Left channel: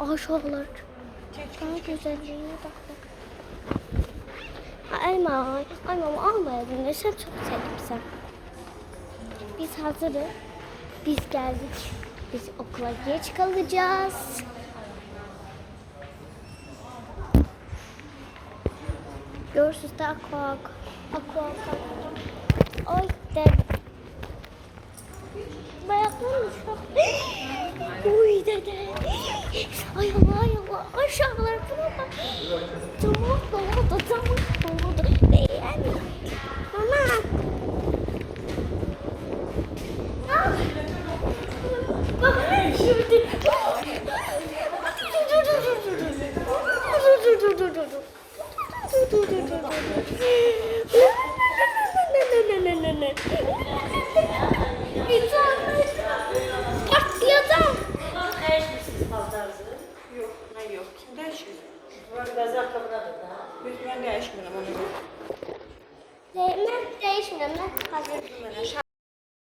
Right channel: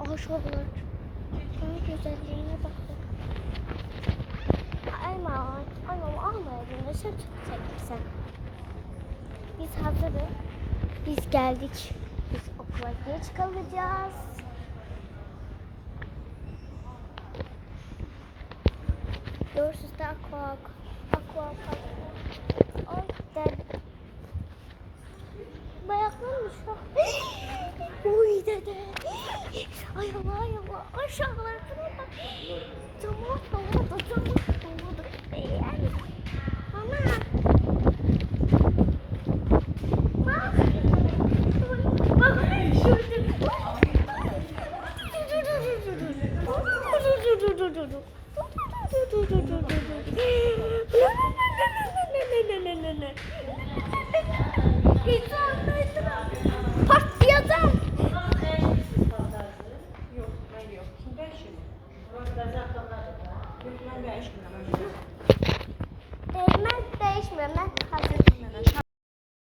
Aşağılar. Çok güzelliğine baktık. Elma almayalım. Sen çok sevdin. Biz hazırız. Biz geldik. Biz okula geç kalacağız. Görüşürüz de aqua. Ay dedim. Uy dede. Ay Allah. Aşağılar buna bak. Tamam. Yani. Mama. Patlayacağım. Yok. Kim değişiyor? Ben değişmiyorum. Ben değişmiyorum.